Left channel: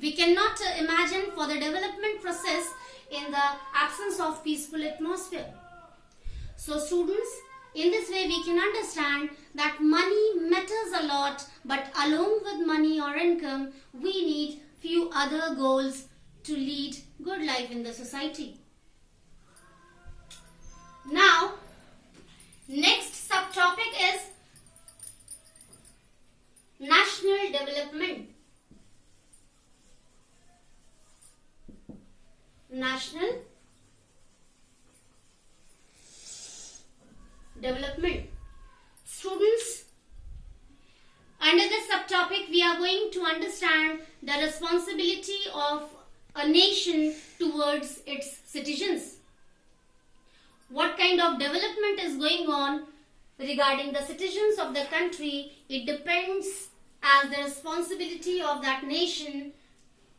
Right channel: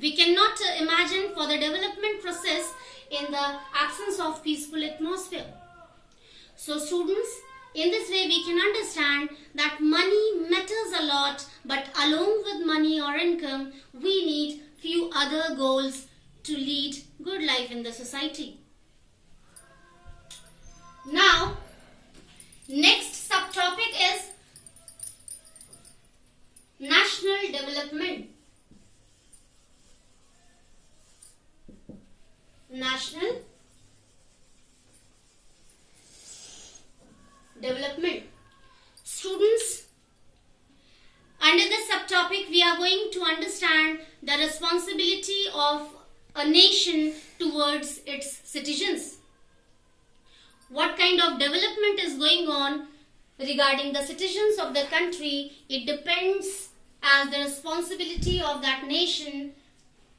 We cannot imagine for the development process in the absence of peaceful atmosphere. So students, in this way we can understand that money matters a lot, but along with money or income, we need few other goals to lead good life in the society. Now, next subtopic is national development. National development. Students, under this subtopic we are going to understand the responsibility of a nation towards its citizens. What kind of development is going on regarding the citizens of the country, it depends as the responsibility of that nation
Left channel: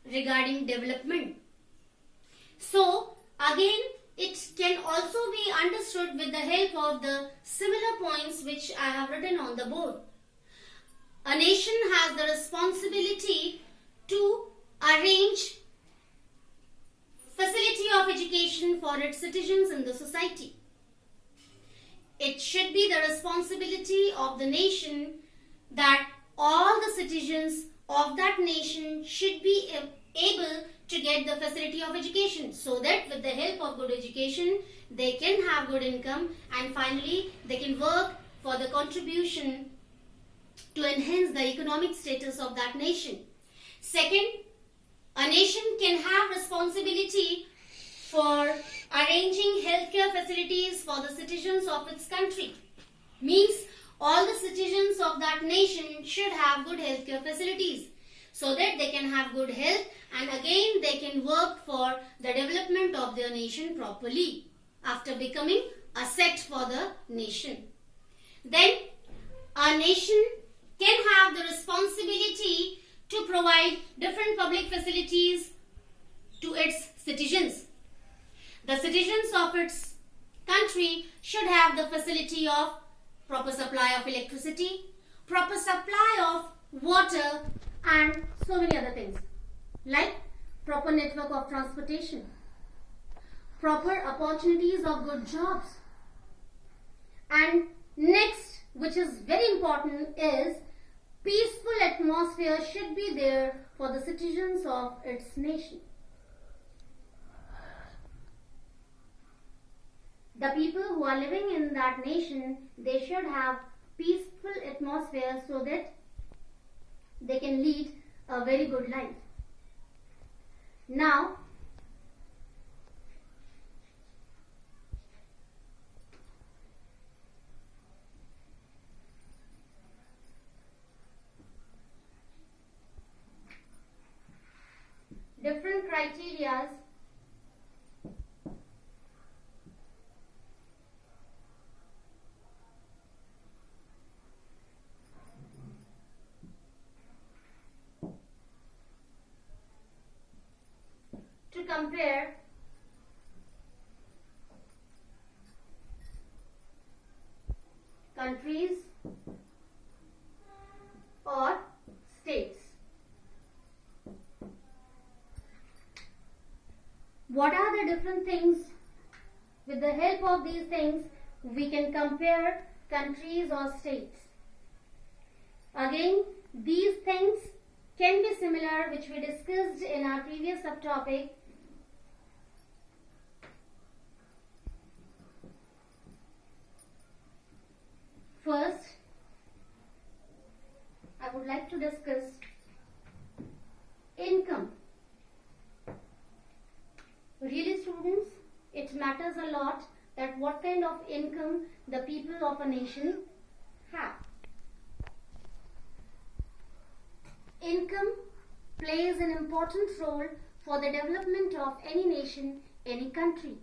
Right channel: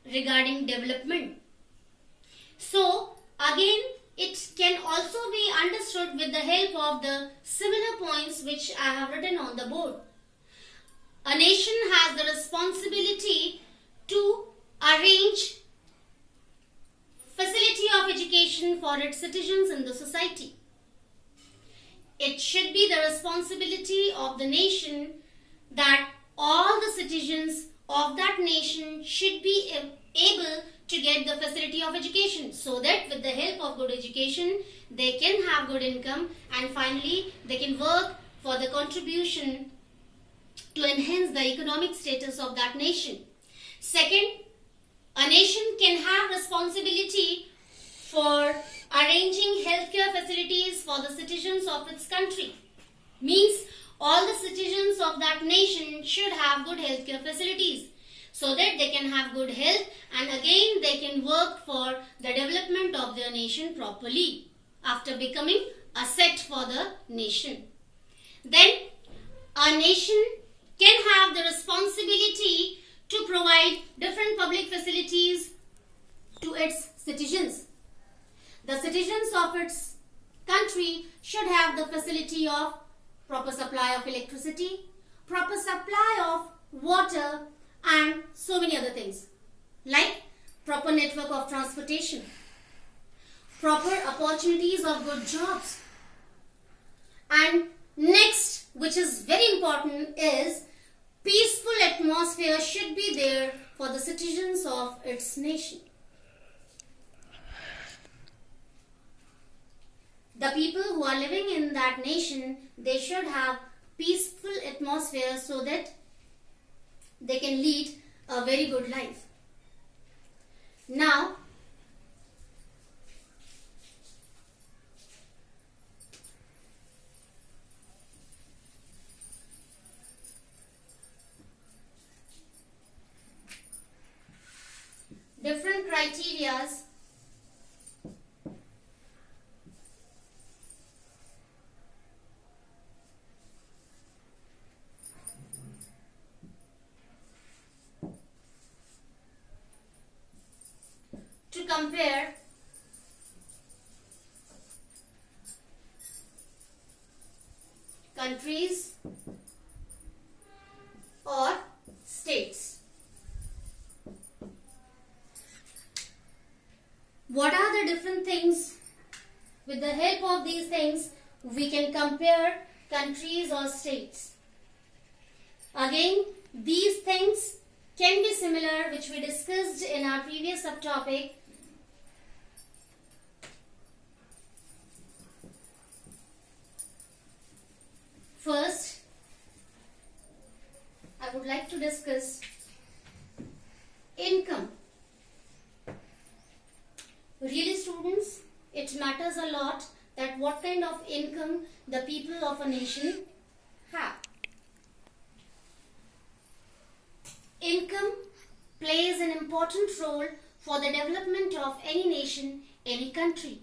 regarding development. So again, it can also be understood with the help of the similar points which I have written on the board. A nation has the responsibility to arrange facility of education for its citizens in the society. It should be the responsibility of the nation that all the citizens of that nation should be able to get the facility of education, so that with the help of good education they can have good income and finally they can work for the contribution to enhance the economic status of that nation. Second, a nation can have responsibility for arranging healthcare facilities for the citizens of its country. Means all the citizens of that nation should have good healthcare facilities so that they can have good health and again they can work for the development of their nation properly after becoming a asset for the nation. Then a nation can have the responsibility to provide different public facilities to its citizens. The citizens of its country should have the facility of proper supply of electricity, proper supply of water and so many other things like proper network of transportation, proper opportunities of good jobs. And next, which is very important, is peaceful atmosphere should be there for the citizens of its nation. The people who are living in that nation, they should have peaceful atmosphere so that they can lead a very good life. Now, different criterias to compare countries or states. What are the different things? With the help of these things, we can compare countries or states. Again, these things can be similar, which we discussed in our previous subtopic. First, I would like to discuss income. Really, students, it matters a lot that what kind of income the people of a nation have. Income plays an important role for the development of any nation, any country.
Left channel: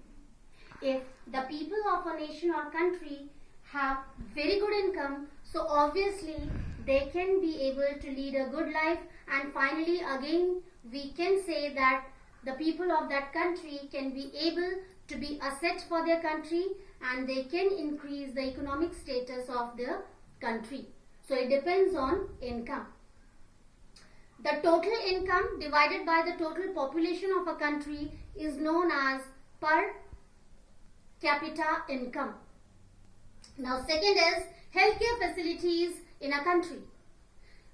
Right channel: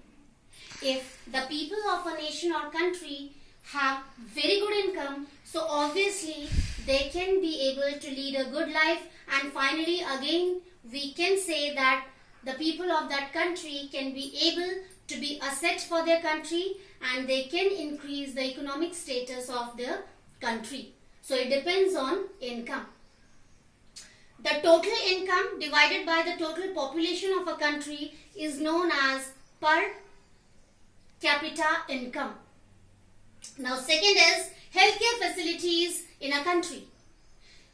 If the people of a nation or country have very good income, so obviously they can be able to lead a good life, and finally again we can say that the people of that country can be able to be asset for their country and they can increase the economic status of their country. So it depends on income. The total income divided by the total population of a country is known as per capita income. Now, second is healthcare facilities in a country.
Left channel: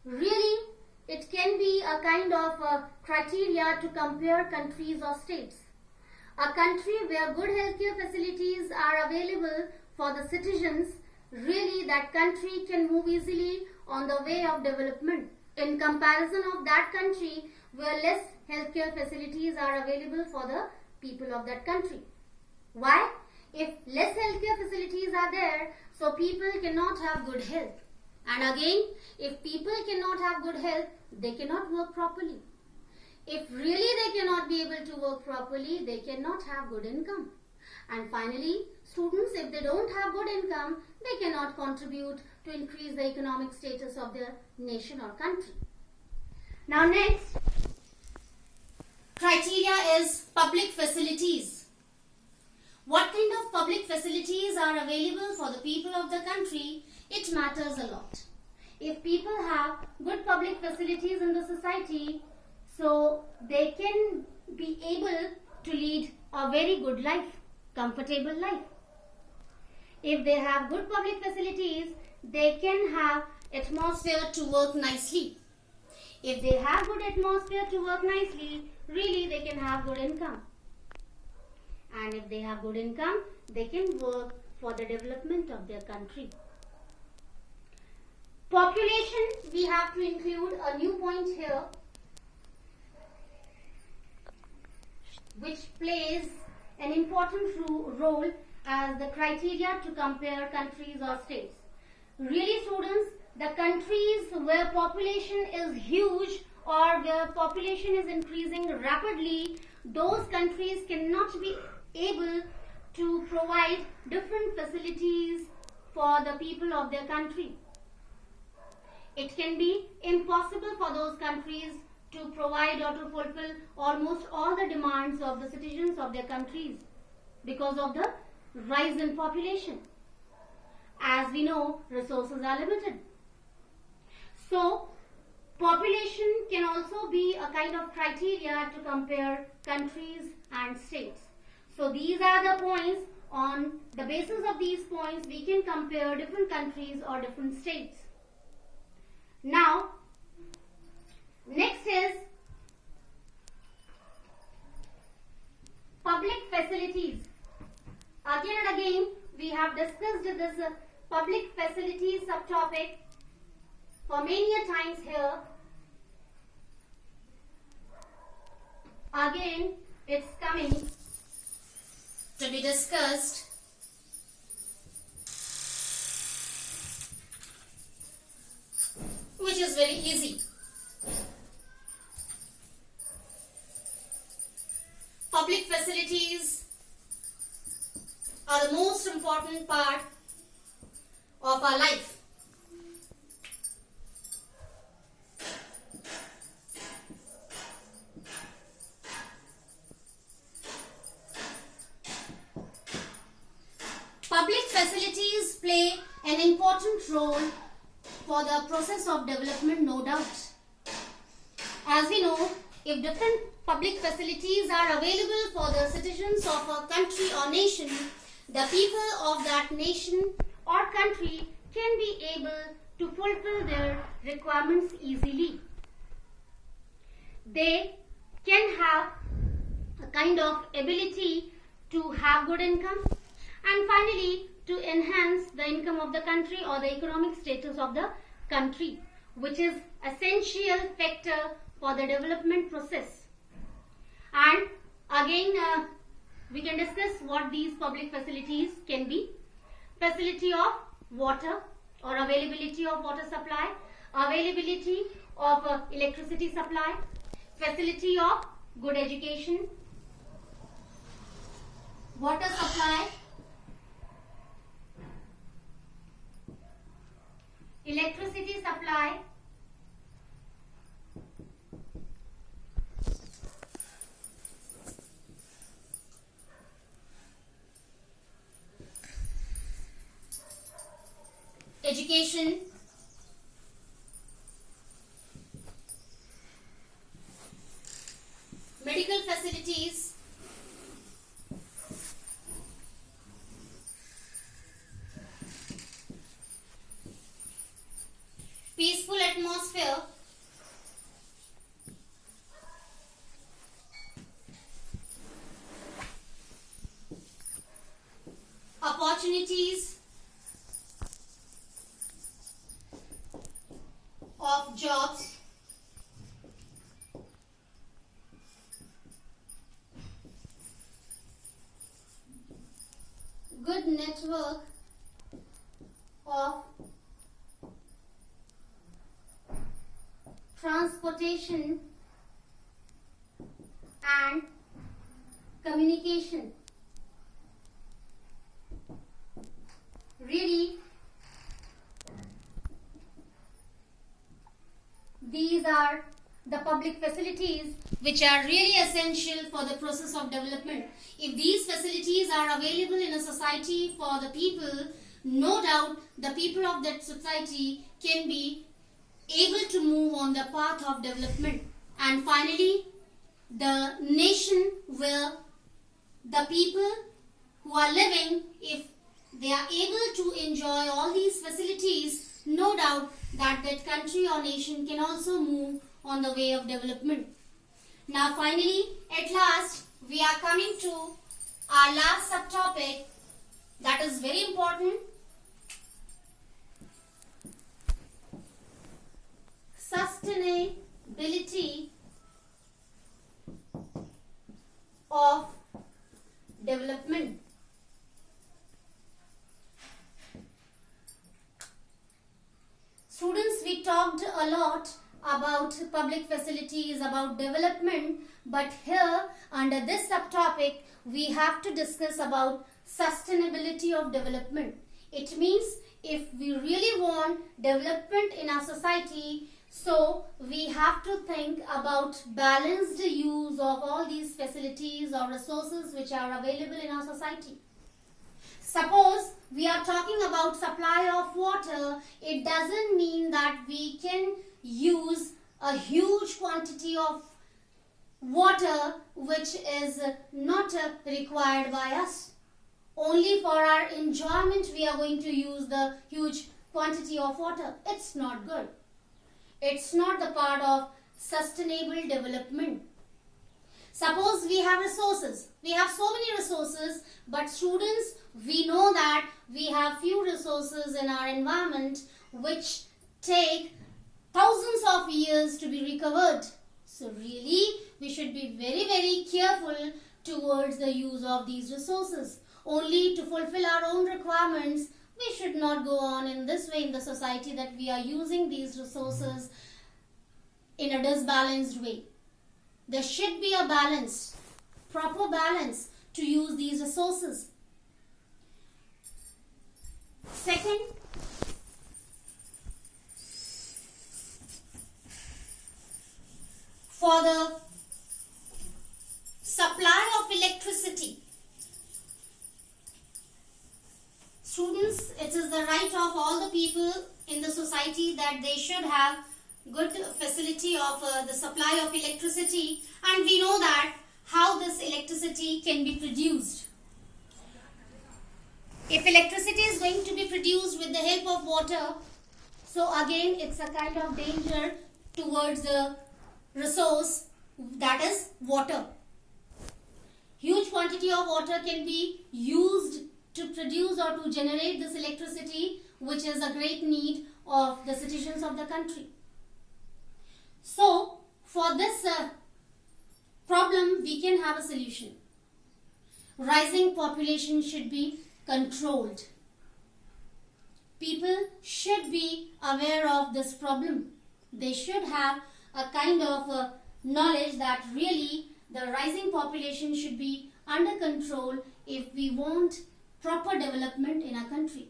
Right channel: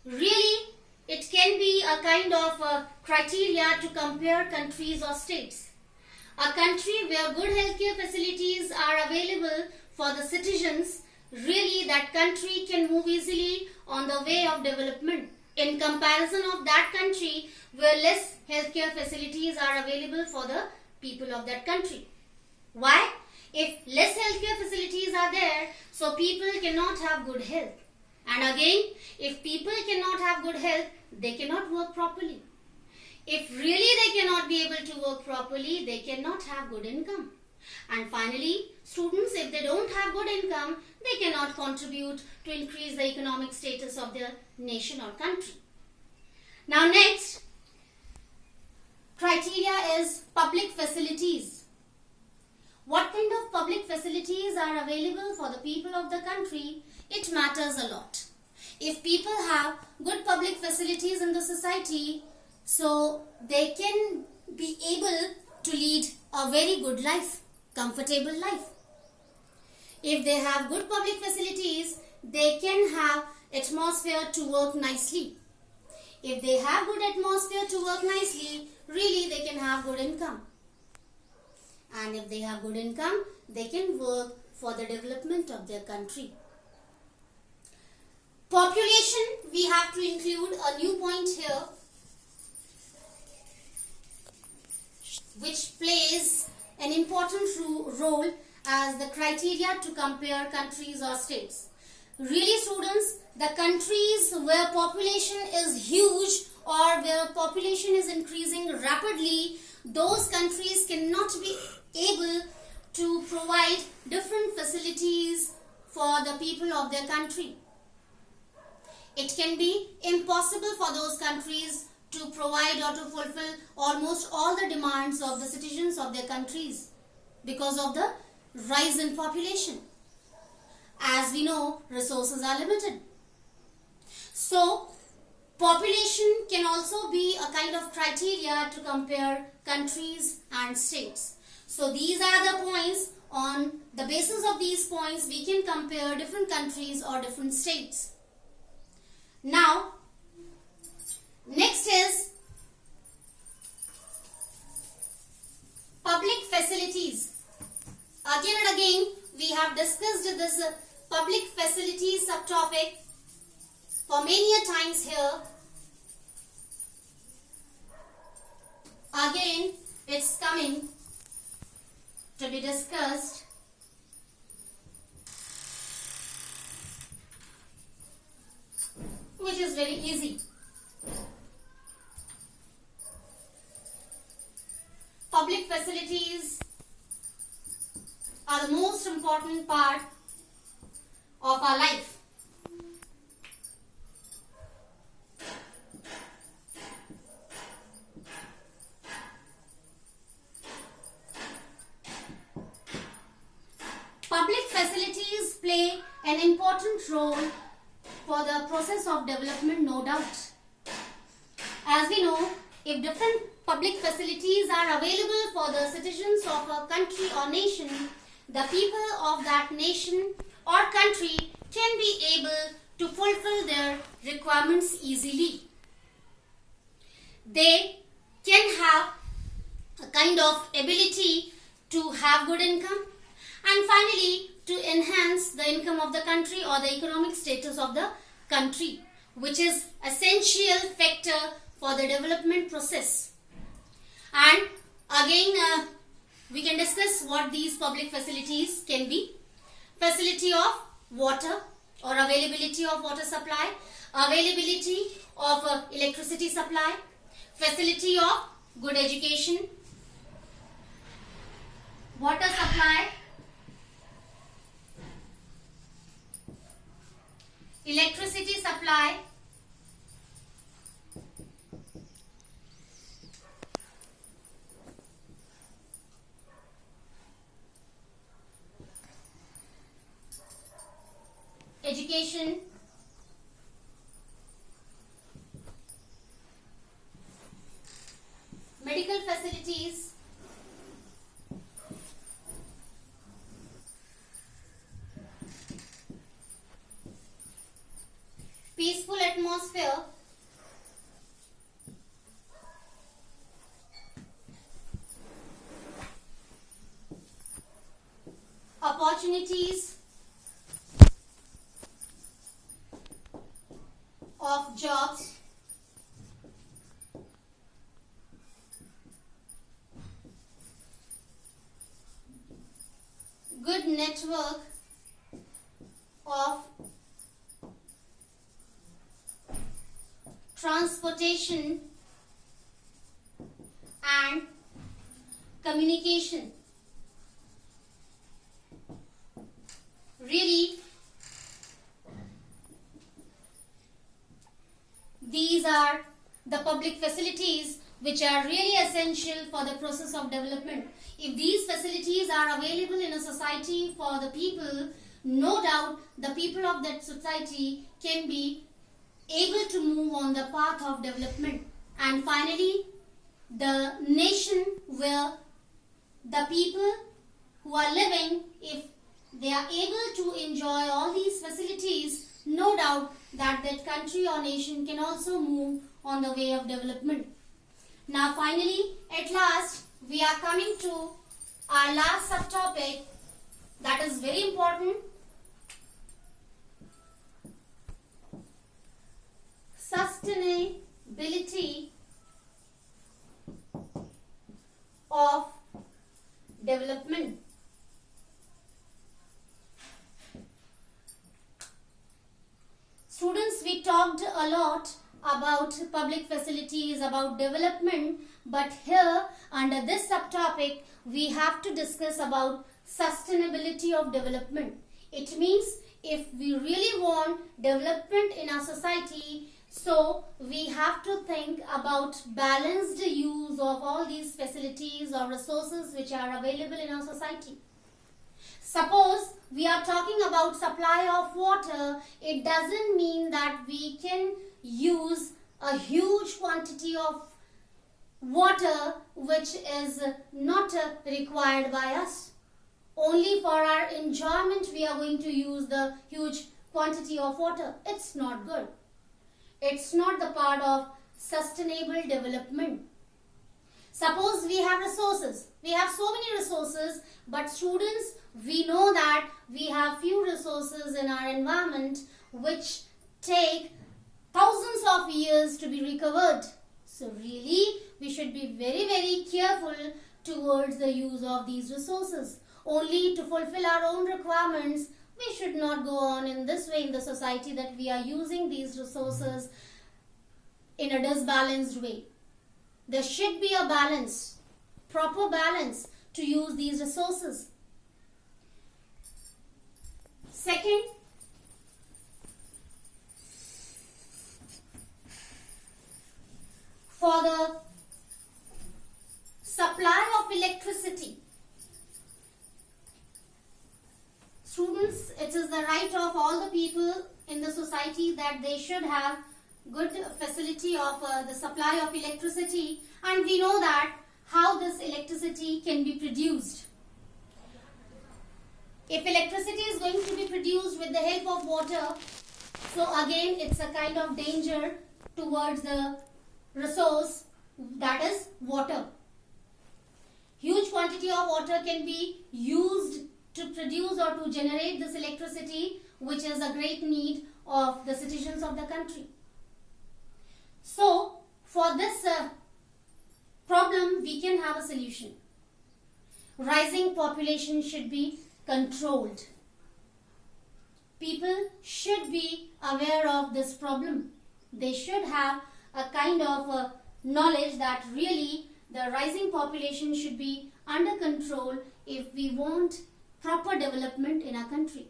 Really, it can be a kind of criteria to compare countries or states. A country where good healthcare facilities are available for the citizens, really that country can move easily on the way of development in comparison of that country where less healthcare facilities are available for the people of that country. Why? If less healthcare facilities are there, so people cannot have good health. And again, if people cannot have good health, they cannot work properly. If really they cannot be able to work properly, they cannot have good income. And finally, students, if they don't have good income, they cannot contribute to increase the economic status of their nation or country. Now next, criteria is public facilities. What kind of public facilities are available for the people of the country? It matters a lot. If people have good public facilities in the society, so they can be able to lead a very good life, comfortable life. If they have good public facilities, they can have atmosphere to work nicely. If they have good atmosphere to work nicely, really they can have good income. And if they have good income, they can work for the development of their country. Population, we have to include a new point here, which plays an important role as the criteria to compare countries or states. Really students, the countries where population is huge or where population is increasing rapidly, those countries cannot be able to provide different facilities for the people of their country. It can be impossible for those countries to provide or to fulfill almost all the demands of the citizens of their countries because of the rise in population. As we know, resources are limited. So, population can also be a kind of criteria to compare countries and states. So, these are the points. On the basis of these points, we can compare different countries or different states. Now, next is public facilities. Again and again, we have discussed this public facilities subtopic for many a times here. Again, it's coming to be discussed. Which is very easy. Public facilities are the most important part of our life. Public facilities play an important role for the process of development, no doubt. As we know, if different public facilities are available for the citizens of a country or nation, the people of that nation or country can be able to fulfill their requirements easily. They can have a kind of ability to have good income, and finally to enhance the income of the country or the economic status of the country, which is essential factor for the development process. And again, we can discuss what these public facilities can be. Facility of water or availability of water supply, availability of electricity supply, facility of good education, water supply, electricity supply, education, medical facilities, peaceful atmosphere, opportunities of jobs, good network of transportation and communication. Really, these are the public facilities which are really essential for the process of development. If these facilities are available in a society for the people, no doubt the people of that society can be able to move on the path of development. And finally, the nation where the people who are living, if they are able to enjoy all these facilities, no doubt that that country or nation can also move on the way of development. Now finally, at last, we are coming to our last subtopic that is very important. Sustainability of development. Students, we talked a lot about public facilities, about development, but here under this subtopic we have to discuss about sustainability of development. It means if we really want development in our society, so we have to think about balanced use of all these facilities or resources which are available in our society. Suppose we are talking about supply of water, it doesn't mean that we can use a huge quantity of water which is not required by us. Only for our enjoyment we are going to use the huge quantity of water. It's not good. It's not the part of sustainable development. Suppose we have resources. We have so many resources, but students, we know that we have few resources in our environment which take thousands of years to be recovered. So really, we should be very, very careful towards the use of these resources. Only to fulfill our own requirements, we should not go on in this way in the society that we are using these resources in a disbalanced way. There should be a balance, proper balance to use these resources. Second, for the supply of electricity, students, it is the right of all the people in the society that they should have good facility of the supply of electricity, and we know that how this electricity can be produced. If electricity is going to be produced with the help of water, so again it's a kind of danger towards the resource, that is water. Huge quantity of water can be used to produce or to generate this electricity, which is a great need of the citizens of the country. So for this problem we can have a solution. Rising population should be controlled. People should be aware of this problem. They should have a kind of knowledge that really the rising population should be under control if we want proper development in our country.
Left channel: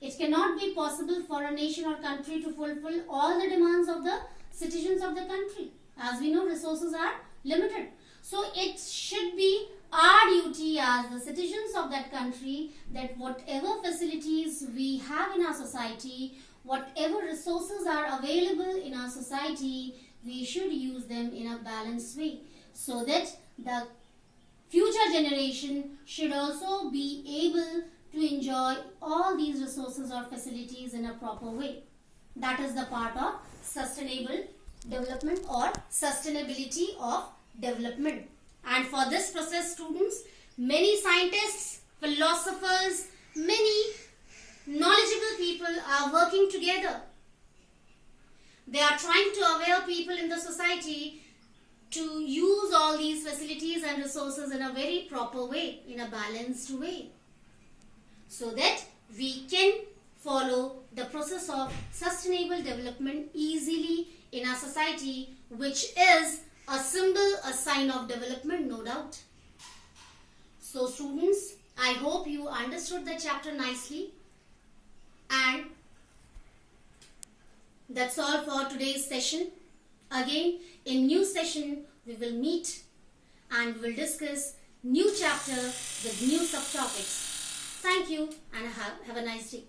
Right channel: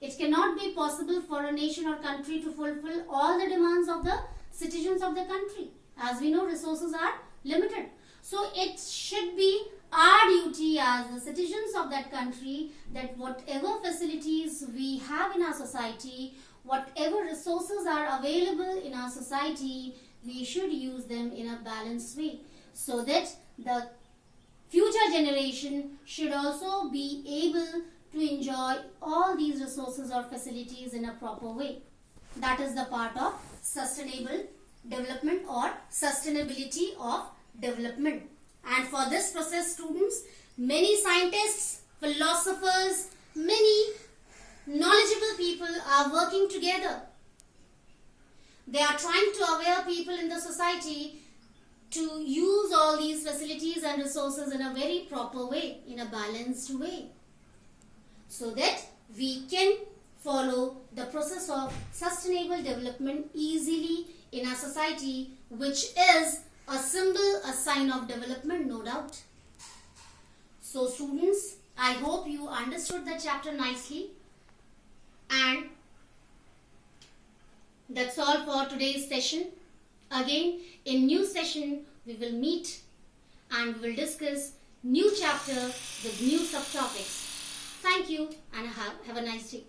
It cannot be possible for a nation or country to fulfill all the demands of the citizens of the country. As we know, resources are limited. So it should be our duty as the citizens of that country that whatever facilities we have in our society, whatever resources are available in our society, we should use them in a balanced way. so that the future generation should also be able to enjoy all these resources or facilities in a proper way. That is the part of sustainable development or sustainability of development. And for this process, students, many scientists, philosophers, many knowledgeable people are working together. They are trying to aware people in the society to use all these facilities and resources in a very proper way, in a balanced way, so that we can follow the process of sustainable development easily in our society, which is a symbol, a sign of development, no doubt. So students, I hope you understood the chapter nicely, and that's all for today's session. Again, in new session, we will meet and we will discuss new chapter with new subtopics. Thank you and have a nice day.